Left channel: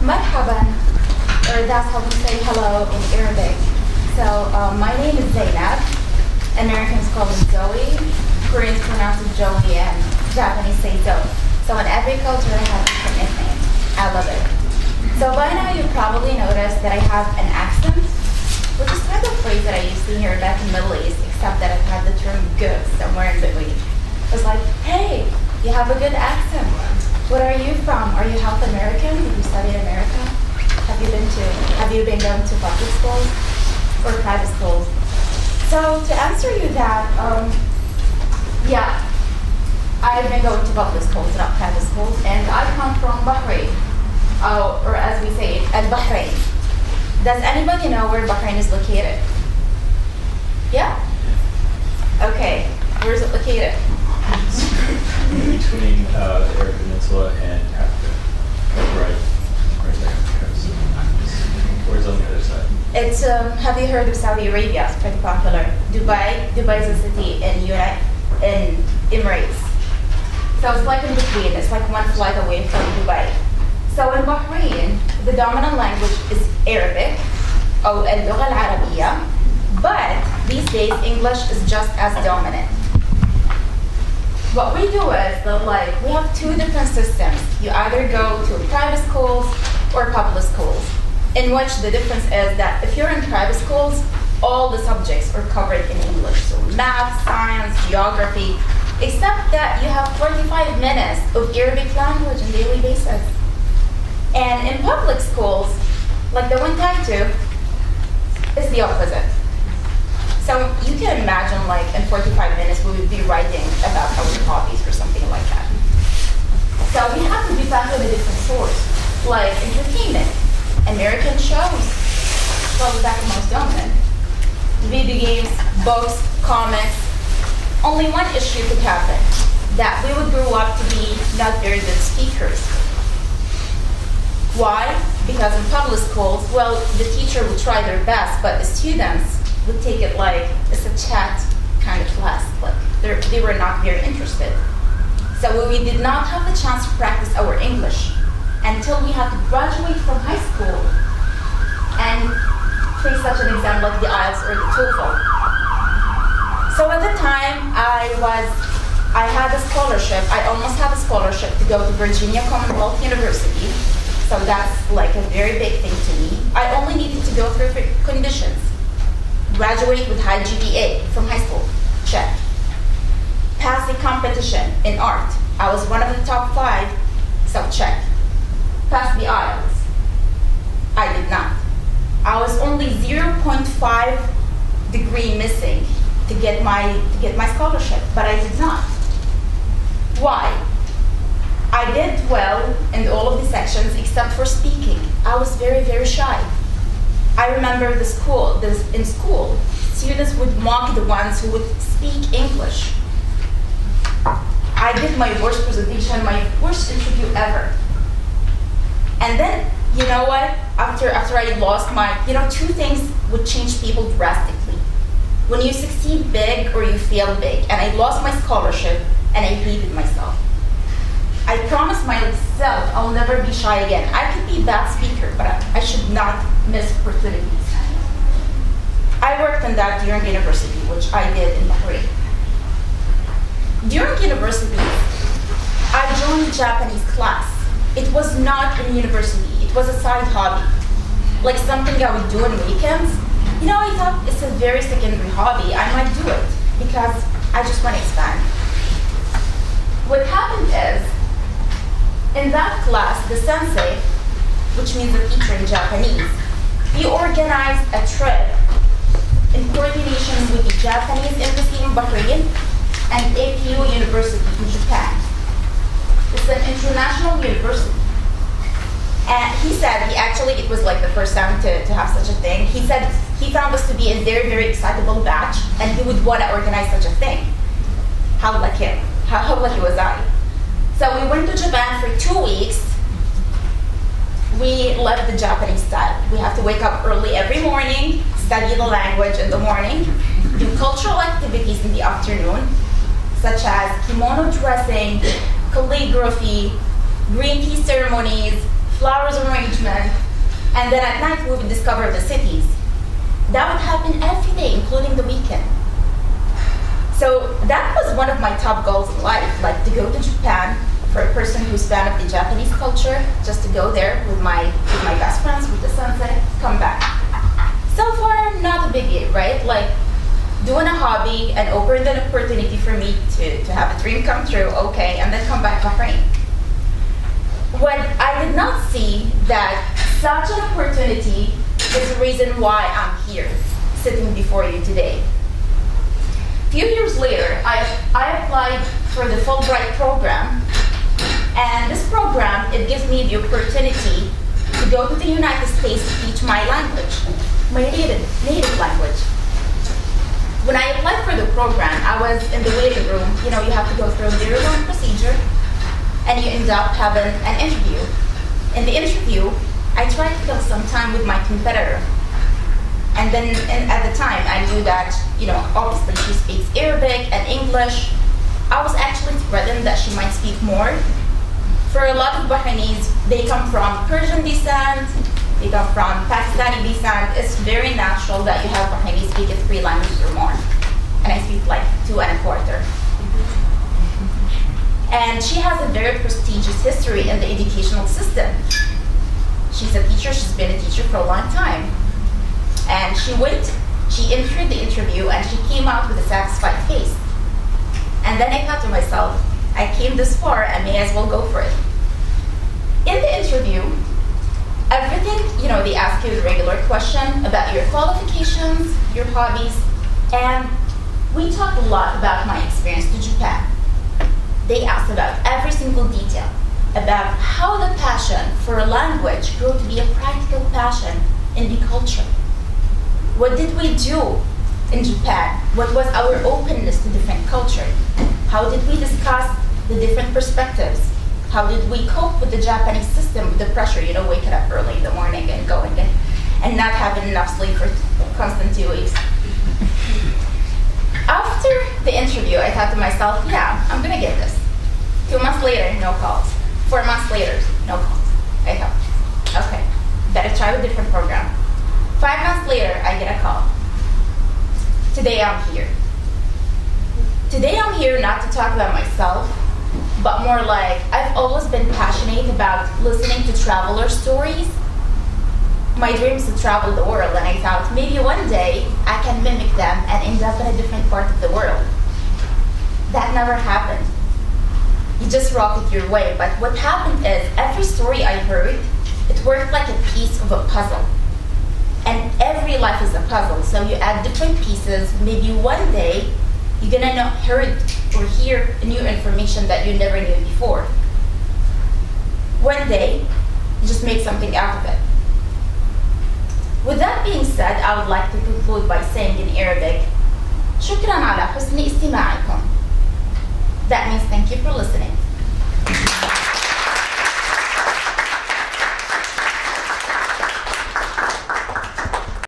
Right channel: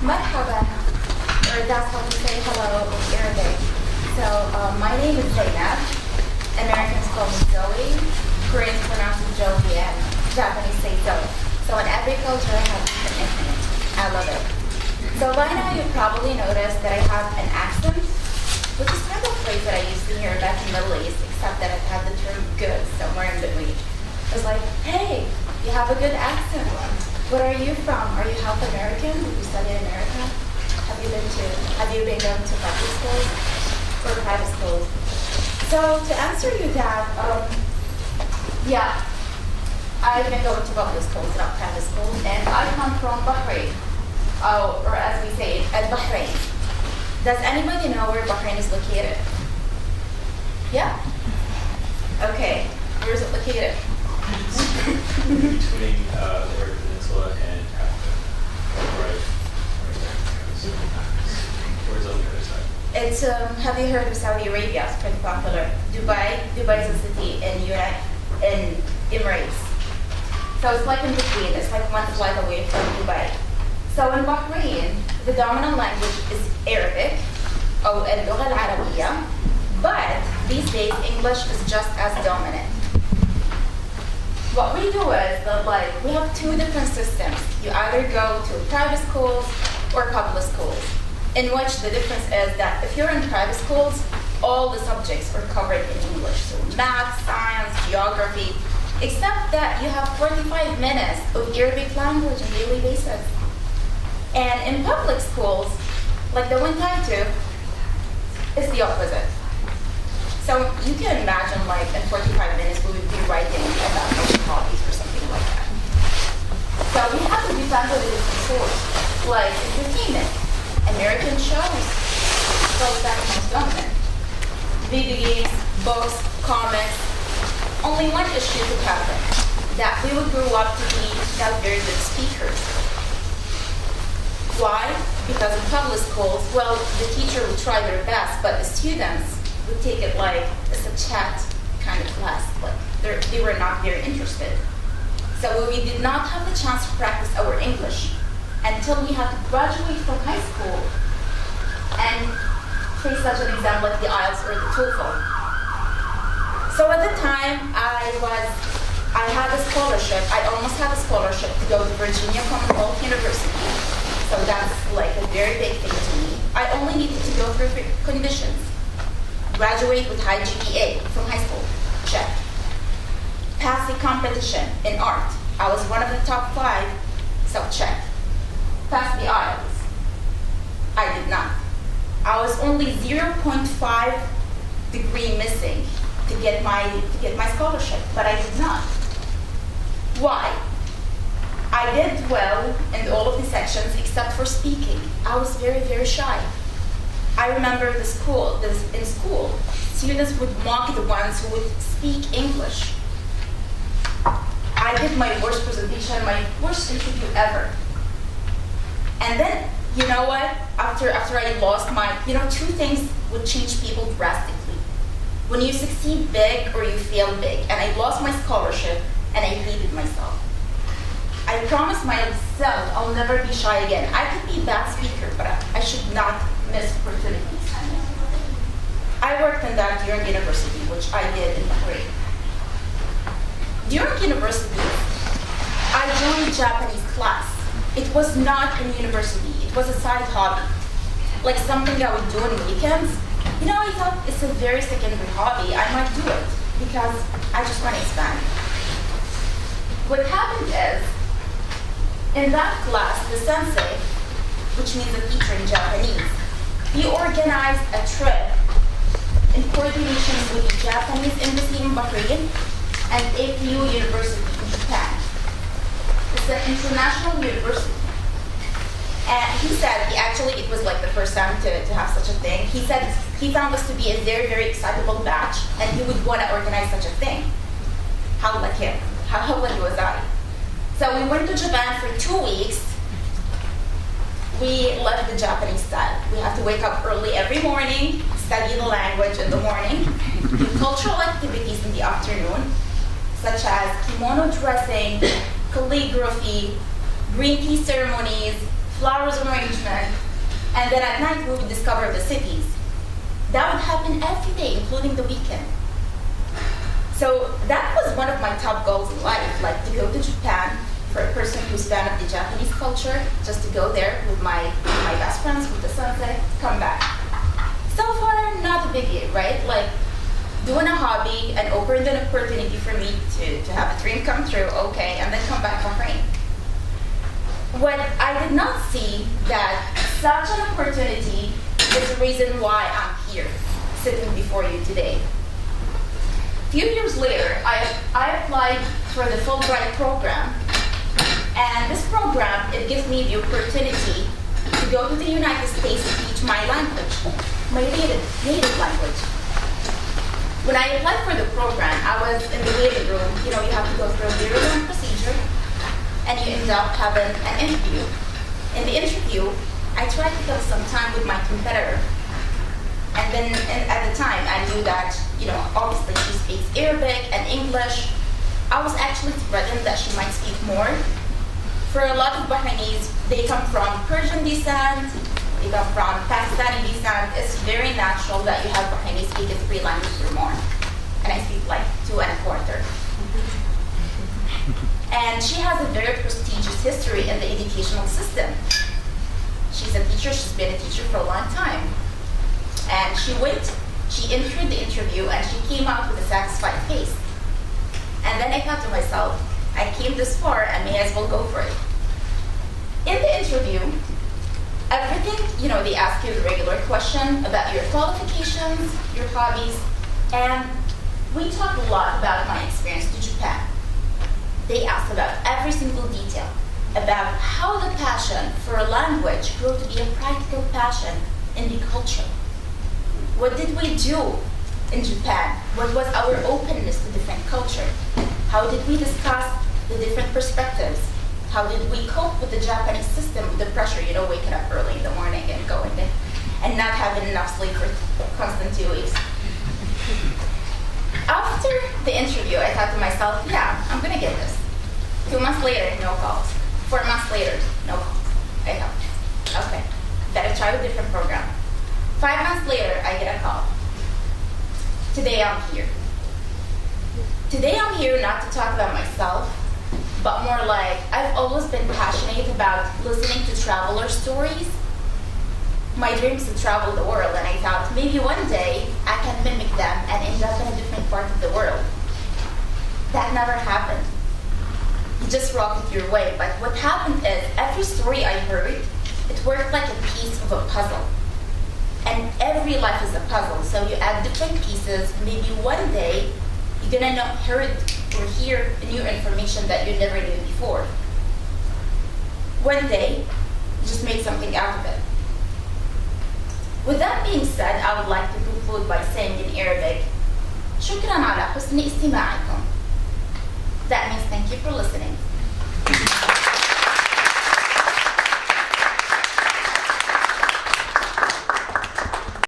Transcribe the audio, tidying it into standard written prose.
Marhaban, or that's how we say hello in Arabic. So my name is Zainab. Americans call me Zoe. Koreans pronounce it Joey, and Japanese say Zoe. So in every culture, I have different nicknames. I love it. So by now, you probably noticed that I have an accent, which is kind of a phrase that I used to hear back in the Middle East, except that I've had the term good somewhere in between. It's like, hey, you have a good accent. Where are you from? Are you half American? Did you study in America? Have you been going to public schools or private schools? So to answer you that, yeah, I've been going to public schools, not private schools, and I come from Bahrain, or as we say, Bahrain. Does anybody know where Bahrain is located? Yeah? Okay, where is it located? Between the Arab Peninsula and Africa. Right there. Where's on the other side? It's, have you heard of Saudi Arabia? It's pretty popular. Dubai is a city in Emirates. So it's like in between. It's like one flight away from Dubai. So in Bahrain, the dominant language is Arabic, or اللغة العربية, but these days English is just as dominant. What we do is that, like, we have two different systems. You either go to private schools or public schools, in which the difference is that if you're in private schools, all the subjects are covered in English. So math, science, geography, except that you have 45 minutes of Arabic language on a daily basis. And in public schools, like the one I do, it's the opposite. So you can imagine, like, in 45 minutes, we would be writing about our hobbies or something like that. So we have to be found with a different source, like entertainment, American shows, probably that's the most dominant, video games, books, comics. Only one issue could happen, that we would grow up to be not very good speakers. Why? Because in public schools, well, the teacher would try their best, but the students would take it like it's a chat kind of class. Like they were not very interested. So we did not have the chance to practice our English until we had to graduate from high school and face such an exam like the IELTS or the TOEFL. So at the time, I had a scholarship. I almost had a scholarship to go to Virginia Commonwealth University. So that's like a very big thing to me. I only needed to go through 3 conditions. Graduate with high GPA from high school, check. Pass the competition in art. I was one of the top 5, so check. Pass the IELTS. I did not. I was only 0.5 degree missing to get my scholarship, but I did not. Why? I did well in all of the sections except for speaking. I was very, very shy. I remember in school, students would mock the ones who would speak English. I did my worst presentation, my worst interview ever. And then, you know what? After I lost my, 2 things would change people drastically. When you succeed big or you fail big, and I lost my scholarship and I hated myself. I promised myself I'll never be shy again. I could be a bad speaker, but I should not miss opportunities. I worked on that during university, which I did in Bahrain. During university, I joined Japanese class. It was not in university. It was a side hobby, like something I would do on weekends. I thought it's a very secondary hobby. I might do it because I just want to expand. What happened is, in that class, the sensei, which means a teacher in Japanese, he organized a trip in coordination with the Japanese embassy in Bahrain and APU University in Japan. It's an international university. And he said, it was like the first time to have such a thing. He said he found us to be a very, very excitable batch, and he would want to organize such a thing. How lucky him. How lucky was I? So we went to Japan for 2 weeks. We left the Japanese style. We have to wake up early every morning, study the language in the morning, do cultural activities in the afternoon, such as kimono dressing, calligraphy, green tea ceremonies, flowers arrangement, and then at night we would discover the cities. That would happen every day, including the weekend. So that was one of my top goals in life, like to go to Japan for a person who's fan of the Japanese culture, just to go there with my best friends, with the sunset, come back. So far, not a big deal, right? Like doing a hobby and opening an opportunity for me to have a dream come true, okay, and then come back to Bahrain. What I did not see that such an opportunity is the reason why I'm here, sitting before you today. A few years later, I applied for the Fulbright program, and this program, it gives me the opportunity to go to the United States to teach my language, my native language. When I applied for the program, I was in the waiting room. You know, you have to go through a very long procedure, and you end up having an interview. In the interview, I tried to kill some time with my competitor. And then at the time, I knew that, you know, obviously she speaks Arabic and English. I was actually threatened that she might speak more. For a lot of Bahrainis, they come from Persian descent, they come from Pakistani descent. It's very natural that you have Bahrainis speaking 3 languages or more. And I speak like 2 1/4. And she has a very prestigious history in the educational system. She's a teacher, she's been a teacher for a long time. And she entered the interview and she came out with a satisfied face. And then I thought to myself, I came this far, I may as well go for it. In the interview, everything, you know, they ask you the regular question about your qualifications, your hobbies, and we talked a lot about my experience to Japan. They asked about every single detail, about how the passion for a language grew to be a practical passion in the culture. What did we do in Japan? What was our openness to different culture? How did we discuss the different perspectives? How did we cope with the Japanese system, with the pressure, you know, waking up early in the morning and going in, and not having enough sleep for constant 2 weeks? After the interview, I thought to myself, yeah, I'm gonna get this. 2 months later, no calls. 4 months later, no calls. I thought, okay, better try a different program. 5 months later, I get a call. Today I'm here. Today I'm here not to talk about myself, but more like I've always been passionate about listening to traveler stories. My dream is to travel the world, and I thought maybe one day I can mimic them and end up in a different part of the world. That never happened. You just rocket your way, but what happened is every story I heard, it worked like a piece of a puzzle. And every life is a puzzle, so you add different pieces. Maybe one day you're gonna hear new information that you never knew before. One day, you just make something out of it. With that being said, I would like to conclude by saying in Arabic, شكرا على حسن استماعكم. That means thank you for listening.